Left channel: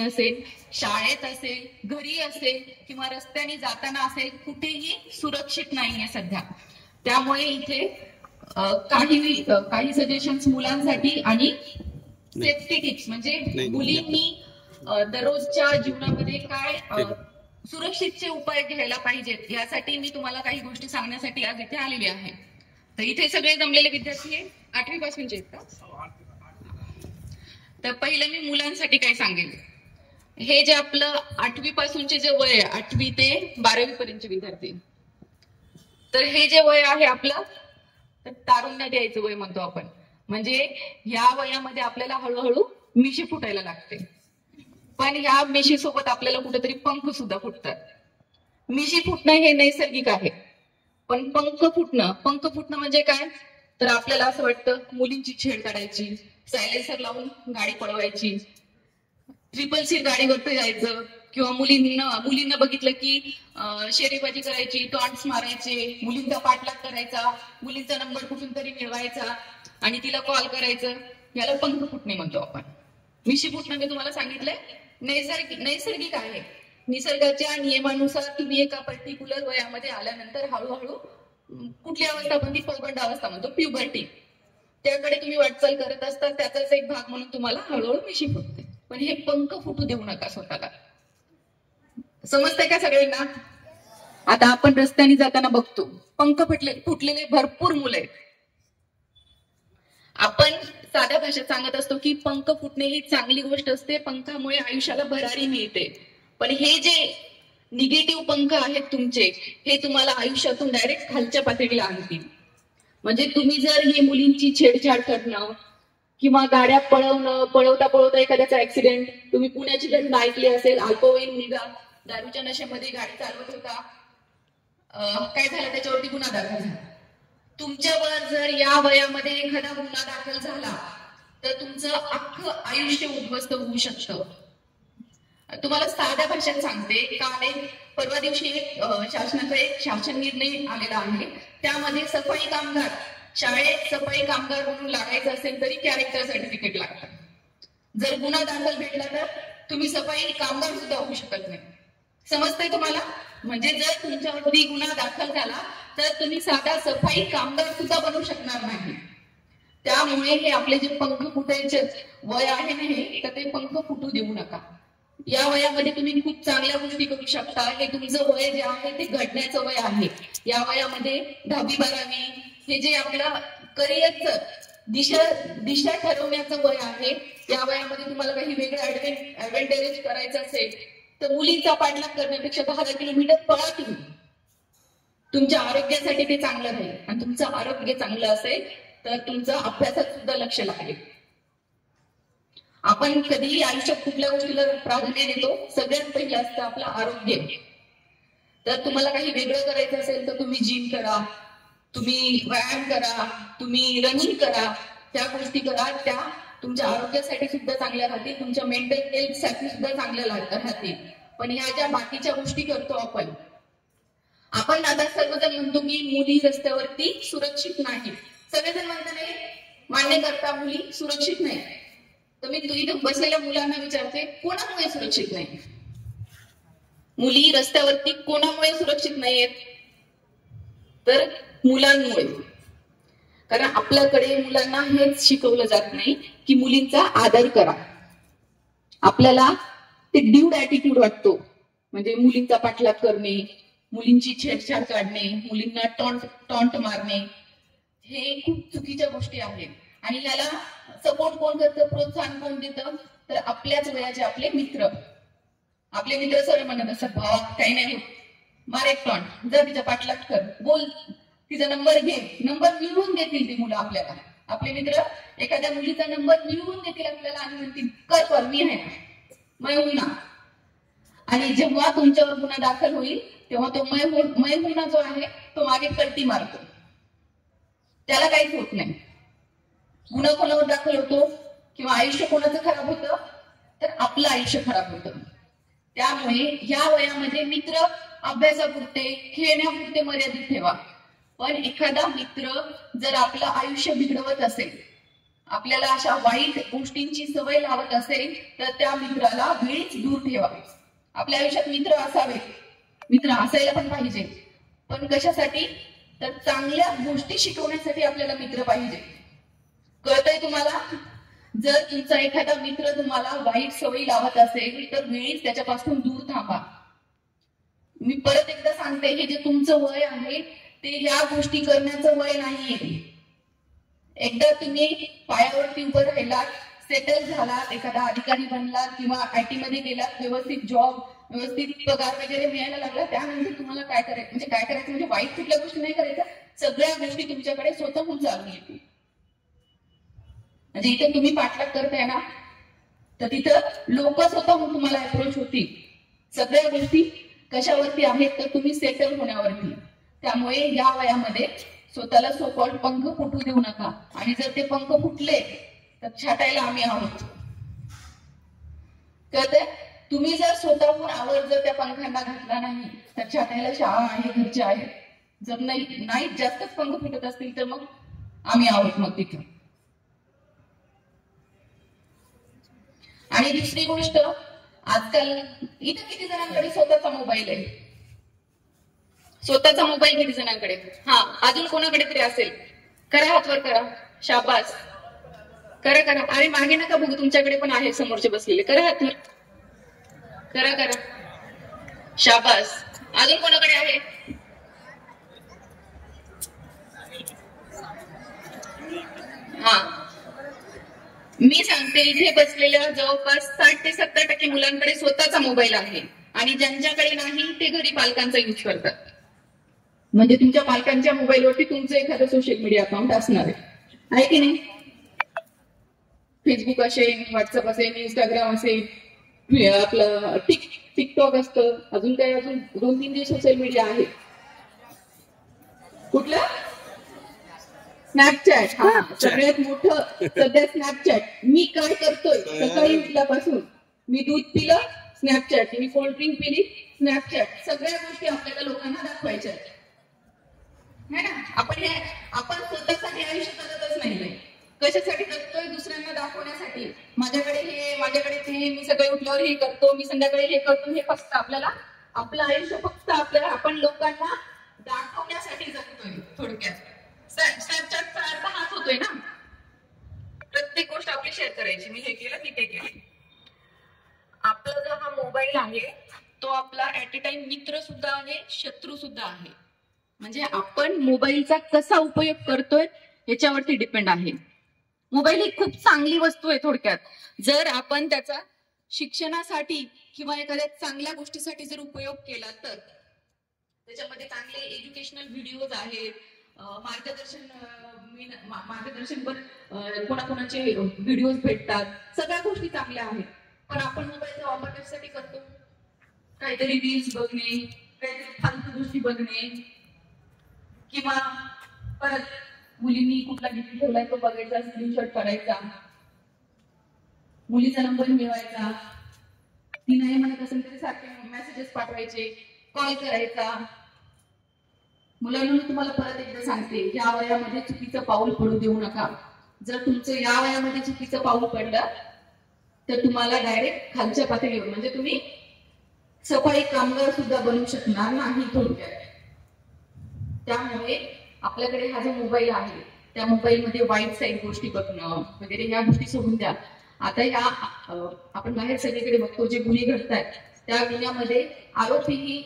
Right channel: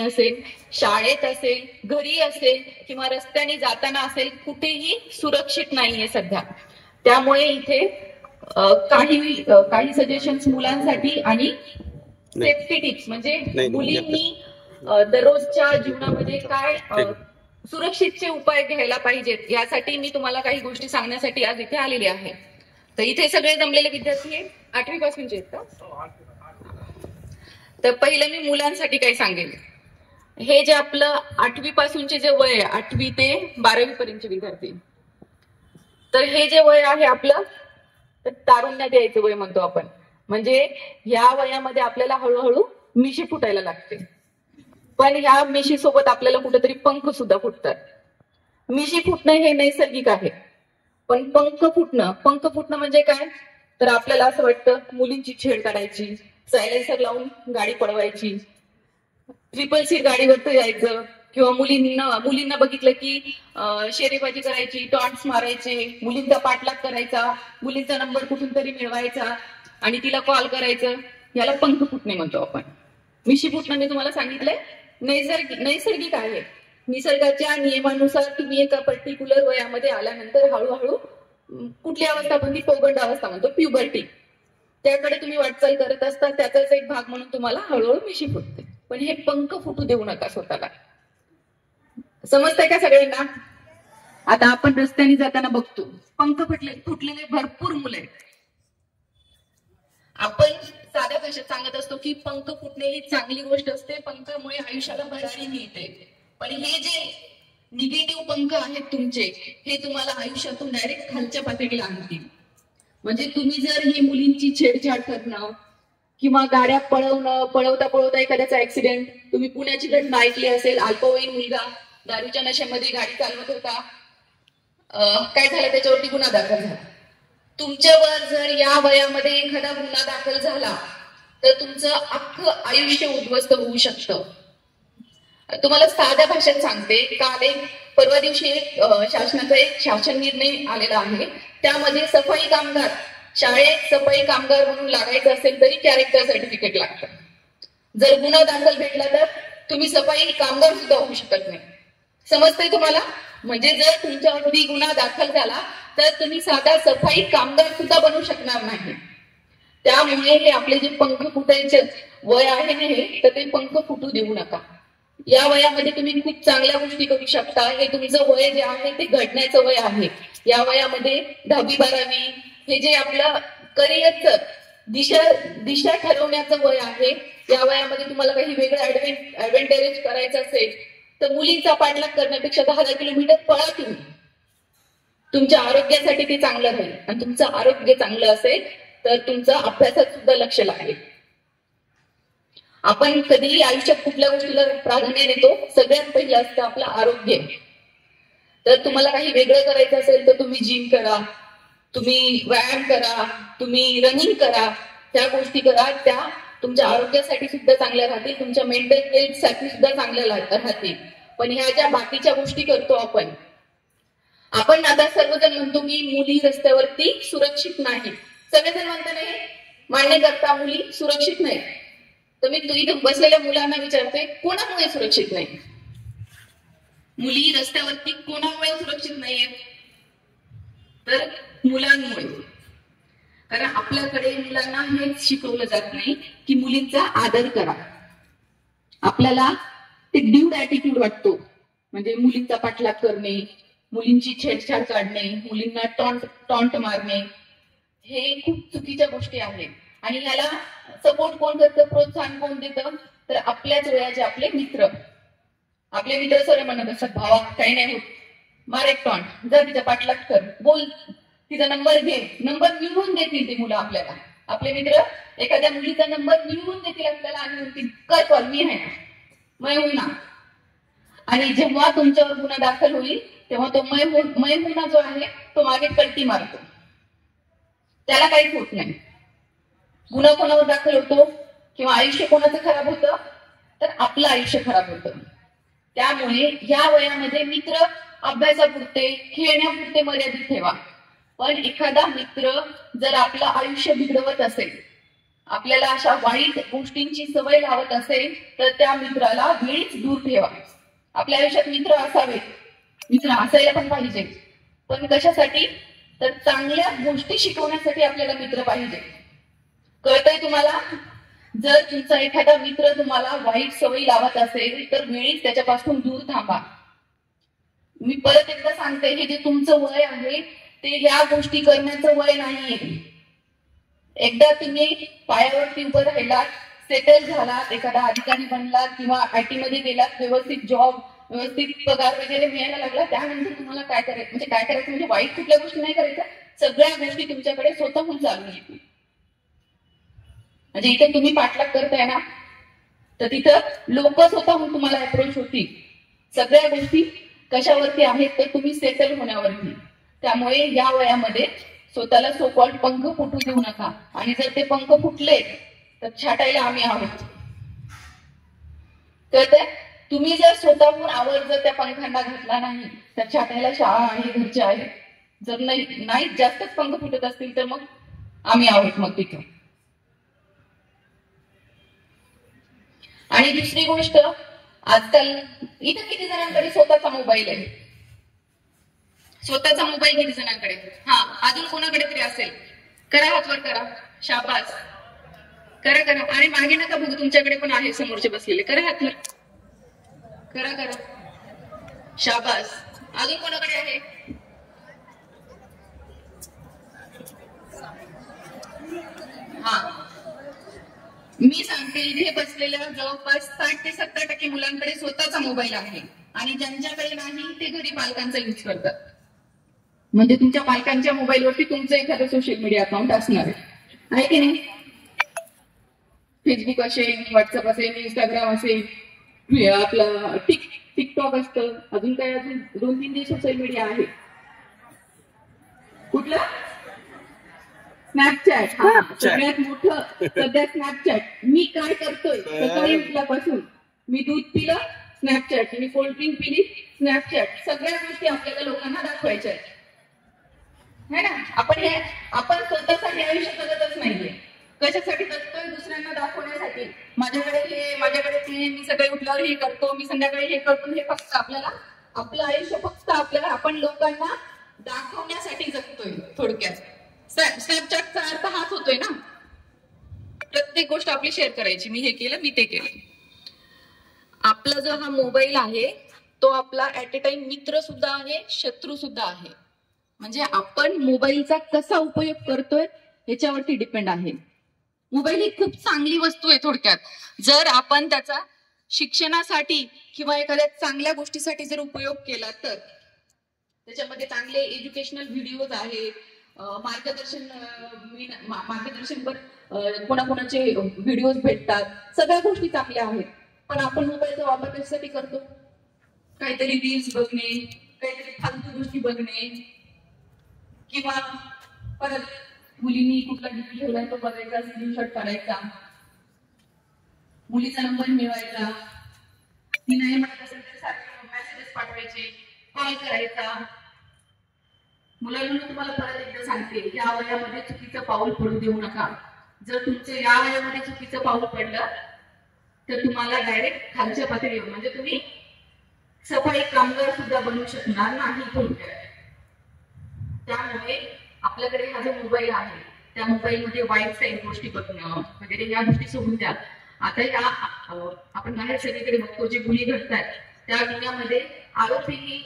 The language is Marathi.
असेल, शाळेत असेल, घरी असेल किंवा रस्त्याने जाताना असेल, कुठेही सुरक्षित नाहीये सध्या. त्यामुळे इथे काही सजेशन्स मुलांसाठी आणि सेफ्टी टिप्स म्हणजे मुलींनी दररोजच्या जीवनामध्ये काय सुरक्षितचे उपाय घ्यायला पाहिजेत यासाठी मी तुम्हाला काही गोष्टी सांगण्यासाठी आज इथे आलेली आहे. तर इथे सगळे जमलेले विद्यार्थी 8वी पासूनचे आहेत का? तर पहिलं मी मुलांसाठी काय सांगेन, हे जे आपलं 8वी पासूनचे जे वय आहे, 8वी ते 12वी पर्यंतचे विद्यार्थी, तर हे जे वय आहे आपलं तर तारुण्यात यायचं वय म्हणतो आपण. म्हणजे ह्या वयामध्ये आपल्याला हळूहळू मिशी फुटायला लागते. पण ह्या मिशी सोबत आपल्याला कुठेतरी पंख सुद्धा फुटतात. मिशी फुटणं हे नैसर्गिक आहे, पण पंख फुटणं म्हणजे काय, तर आपल्याला असं वाटतं मुलींची छेड काढायची, सायलेन्सर लावून गाडी पळवायची, ट्रिपल सीट गाडीवरती जायचं, किंवा मुलींना बघितलं की शेरेबाजी करायची, टॉन्ट्स मारायचे, मुलींचा पाठलाग करायचा, मुलींचा नंबर कुठून तरी मिळवायचा आणि तिला कॉल करायचं, याला पंख फुटणे म्हणतो आपण. मिशी फुटणं मी तुम्हाला सांगितलंय नैसर्गिक आहे. निसर्गाच्या नियमानुसार तुम्ही एका पर्टिक्युलर वयामध्ये आल्यानंतर हळूहळू कुठली अवस्था म्हणजे पौगंड अवस्था म्हणतो, प्युबर्टी, त्याकडे तुम्ही वाटचाल करत असता. त्याचाच एक भाग म्हणून तुम्हाला हळूहळू मिशी फुटते. पण हे पंख फुटू देऊ नका स्वतःला. समजतंय का सगळ्यांना? आता आपण रस्त्याने जाताना बघतो पंख फुटलेले भरपूर मुलं आहेत. आपण साध्या भाषेत सांगत असतो की पंख फुटणे ही चांगली गोष्ट असते, पंखामुळे आयुष्याला भरारी मिळते. पण हे जे निगेटिव्ह पंख आहेत तुमचे, हे तुम्हाला आयुष्यातून डायरेक्ट खालच्या पातळीला आणतील. म्हणजे तुम्ही जर ही मुलींची छेडछाड करणं किंवा गाड्या पळवता एखाद्याचा ऍक्सिडेंट, तुम्ही पुण्याची घटना ऐकली असेल, अल्पवयीन मुलगा दारूच्या नशेमध्ये गाडी चालवत होता, काय झालं, त्याच्यावरती गुन्हा दाखल झाला. तुमच्यावर जर या वयामध्ये एखादा गुन्हा दाखल झाला तर तुमचं अख्खं आयुष्य उद्ध्वस्त होऊ शकतं. तुम्हाला साध्या भाषेत सांगते, काल परवा दिवशी शासनाचा एक शासन निर्णय आलेला आहे. त्यामध्ये सफाई कामगार, शाळेत सफाई कामगार म्हणून लागायचं असेल तरी कॅरेक्टर सर्टिफिकेट लागतं. जर गुन्हा दाखल भेटला तर तुम्ही सफाई कामगार सुद्धा होऊ शकत नाही. समजतंय तुम्हाला? म्हणजे जर तुमच्यावरती गुन्हा दाखल झाला तर तुम्ही साधा सफाई कामगार सुद्धा बनू शकणार नाही. त्यामुळे हे आपले जे पंख फुटायचे वय आहे ना, हे तर ते पंख फुटू देऊ नका. या वयामध्ये तुम्ही खूप चांगल्या गोष्टी करू शकता. हे तुमचं वय जे आहे ते घडण्याचं वय आहे. या वयामध्ये 10वी 12वी हे जे आपलं करिअरचं दिशा ठरवण्याचं वय आहे. या वयामध्ये तुम्हाला काही वेगळं ऍडव्हान्टेज करायचं असेल तर मुलींचा पाठलाग करण्यापेक्षा 10 किलोमीटर पळा तुम्ही. तुमच्या आरोग्यासाठी ते चांगलं राहील. आणि तुमचं आरोग्य चांगलं असेल तर तुमचं अभ्यासात सुद्धा लक्ष लागेल. आपण कधीही आयुष्यात कुठल्या गोष्टीला प्राधान्य देतो, सगळ्यात पहिलं असतं आपलं आरोग्य. तर तुम्हाला काही वेगळं करायचं असेल तर तुम्ही जिम करा, तुम्ही व्यायाम करा, तुम्ही रनिंग करा, त्या गोष्टी करा. त्या तुमच्या आरोग्यासाठी सुद्धा चांगल्या राहतील, तुमच्या मेंटल हेल्थ साठी सुद्धा चांगल्या राहतील. पण ह्या ज्या बाकीच्या गोष्टी करतो आपण आता सर्वजण म्हणतो की मुली रस्त्यावरती सुरक्षित नाही. सगळेजण म्हणतो नाही, मान्य करता मुली सुरक्षित नाही. तर मी इथं बसलेल्या मुलांना विचारते, कोणामुळे सुरक्षित नाही? मुली रस्त्यावरती कोणामुळे सुरक्षित नाहीयेत? तर मुलांमुळे. कारण आपल्याकडे मुलांना हेच शिकवलं जात नाही की मुलींचा आदर करा. आपल्याला ते ड्यूड ऍटिट्यूड वाटतो. म्हणजे मुलींचा पाठलाग करणे, मुलींची छेडछाड काढणे, मुलींना टॉन्ट मारणे, हे खूप चुकीच्या गोष्टी आहेत. आणि याला सपोर्ट कोण करतं, प्रोत्साहन कोण देतं? तर आपल्याच वयाचे आपले मित्र सर म्हणत असतात, भावा काही नाही होत, मार एक टॉन्ट, जा तिच्या पाठलाग कर, बोल, तिचा नंबर घे. नंबर मिळवून देतील ती मुलं आपल्याला. आपले मित्र एखाद्या मुलीचा नंबर मिळवून देतील आपल्याला आणि म्हणतील, कर कॉल, मी आहे, मैं होईना. आणि जेव्हा तुमच्यावर गुन्हा दाखल होईल तेव्हा तो मैं होईना जो आहे तो मागे पलटी मारतो. त्याला काहीच होत नाही. गुन्हा कोणावर दाखल होतो किंवा आयुष्य कोणाचं खराब होतं, तर आपलं आयुष्य खराब होतं. त्यामुळे या वयामध्ये मित्र अभ्यासापुरते, खेळण्यापुरते मर्यादित ठेवा. पण एखादा मित्र जर आपलं आयुष्य बिघडवत असेल आपल्याला अशा वाईट गोष्टींची सवय लावत असेल तर त्या मित्राला वेळीच दूर ठेवा. आपल्या आयुष्यात मित्र असावे, मित्र असायला पण पाहिजे, पण कशासाठी? तर चांगल्या गोष्टी शिकवण्यासाठी आपल्याला मित्र पाहिजे. कळतंय तुम्हाला? जर तुमचा एखादा मित्र तुम्हाला वाईट सवयी लावत असेल तर वेळीच त्याच्यापासून दूर थांबा. मी परत एकदा सांगते, हे जे तुमचं वय आहे ते ह्या गोष्टी करण्याचं वय नाहीये. एकदा तुम्ही पायावरती उभं राहिलात, सेटल झालात, एखादा अधिकारी बनलात किंवा IT मध्ये गेलात, व्यवस्थित जॉब, व्यवस्थित पगार वगैरे मिळायला लागला, त्यानंतर तुम्हाला काय करायचं म्हणजे वाईट कुठल्या गोष्टी नाही करायच्या, सगळ्या गोष्टी तुमच्याकडे स्वतःहून चालून येतील. म्हणजे इथे तुम्ही पाठलाग करताय ना, तर तिथं लोक स्वतःहून तुम्हाला अप्रोच होतील. सगळ्या गोष्टी कशावरती आहेत तर तुम्ही सेटल होण्यावरती. त्यामुळे या वयामध्ये स्वतःला सो कॉल्ड पंख फुटू देऊ नका. आणि जर ते पंख फुटले तर छाटायला आम्ही आहोत. तर तुम्ही जर स्वतःहून आवर जर त्या पंखांना घातला नाही तर छाटायला शाळा आहे, घरचे आहे. जर नाही जास्तच पंख फुटत असतील तर मग आम्ही आहोत मग तिथे. आणि दुसरी गोष्ट, आजकाल इथं किती जणांकडे स्वतःचा मोबाईल आहे? स्वतःचा मोबाईल किती जणांकडे? हा, अजून कोणाकडे तरी असेल? करा, हातवर करा. शाबास, करा करा. अरे मागे नका बघू, तुमच्याकडे पण आहे समोरचे बसलेले. करा हातवर, करा करा. शाबास. अजून कोणाकडे आहे? हा, मी सांगते, इथे बसलेल्या जवळपास 60 ते 70% मुलांकडे स्वतःचा मोबाईल आहे. आणि ज्यांच्याकडे नाही ते घरी पालकांचा यूज करतात. म्हणजे तुमच्या पालकांच्या मोबाईलवरती तुमचं एखादं सोशल मीडिया अकाउंट असणार आहे की नाही? फेसबुक असेल, व्हॉट्सअप असेल, इंस्टाग्राम असेल, आपलं टिकटॉक असतं, अजून काय, अजून 2-3 सोशल मीडिया आहे. कुठलं? स्नॅपचॅट. हा, सगळ्यात मोठं सध्या स्नॅपचॅट. मी काय करतोय सकाळी उठल्यापासून? मी दूध पिलं, स्नॅपचॅट. मी कोल्ड्रिंक पिली, स्नॅपचॅट. सगळ्या गोष्टी आपल्याला लोकांना दाखवायच्या आहेत, है ना? आपण स्वतःसाठी आयुष्य जगतच नाहीये. कशासाठी जगतोय? दुसऱ्यांना दाखवण्यासाठी. माझ्याकडे हे, माझ्याकडे ते, मी सकाळी उठल्यावर हे करतो, मी संध्याकाळी हे करतो. हे फक्त आपल्याला, आपलं आयुष्य फक्त आपल्याला, आपण लोकांना दाखवण्यासाठी जगतोय थोडक्यात. स्नॅपचॅटचा अर्थ हाच होतोय ना, प्रत्येक गोष्ट आपली शेअर करायची. मी हे केलं, मी ते केलं. आपला जो हा मोबाईल आहे तो आपला ऍट अ टाइम मित्र सुद्धा आहे, शत्रू सुद्धा आहे. म्हणजे आपण मोबाईलचा कसा उपयोग करतोय याच्यावरती डिपेंड आहे. मोबाईल ही खूप चांगली वस्तू आहे थोडक्यात. जर आपण त्याचा शिक्षणासाठी किंवा एखाद्या चांगल्या गोष्टीसाठी जर उपयोग केला तर त्याच्यामध्ये चांगले एज्युकेशनल व्हिडिओज आहेत, मार्गदर्शनपर कोणाकोणाचे व्हिडिओज भेटतात, सगळ्या गोष्टी चांगल्या आहेत. पण आपण मोबाईलचा वापर कशासाठी करतो? काहीतरी रील्स बघणे, काहीतरी फालतू गोष्टी बघणे, किंवा परत मुलींनी कुठला डीपी ठेवलाय तो बघायचा, स्क्रीनशॉट करायचा, मुलीचा नंबर मिळवायचा, ती नाही म्हणत असेल तर सारखे मेसेजेस पाठवायचे, कॉल करायचा. मुलांना तुम्हाला परत एकदा सांगते, या वयामध्ये चुकीचं पाऊल पडू देऊ नका. जर तुमचं या वयामध्ये चुकीचं पाऊल पडलं तर तुम्हाला डायरेक्ट खालच्या पातळीवर, म्हणजे तुम्ही सफाई कामगार सुद्धा बनवू शकणार नाही थोडक्यात. त्यामुळे आपल्याकडे हा जो मोबाईल आहे त्या मोबाईलमध्ये वाईट साईड गोष्टी बघणं वगैरे या गोष्टी सोडून द्या. आता या आपण बाहेर सगळीकडे बघतो जे गुन्हे घडतात त्या गुन्ह्यामध्ये आरोपीही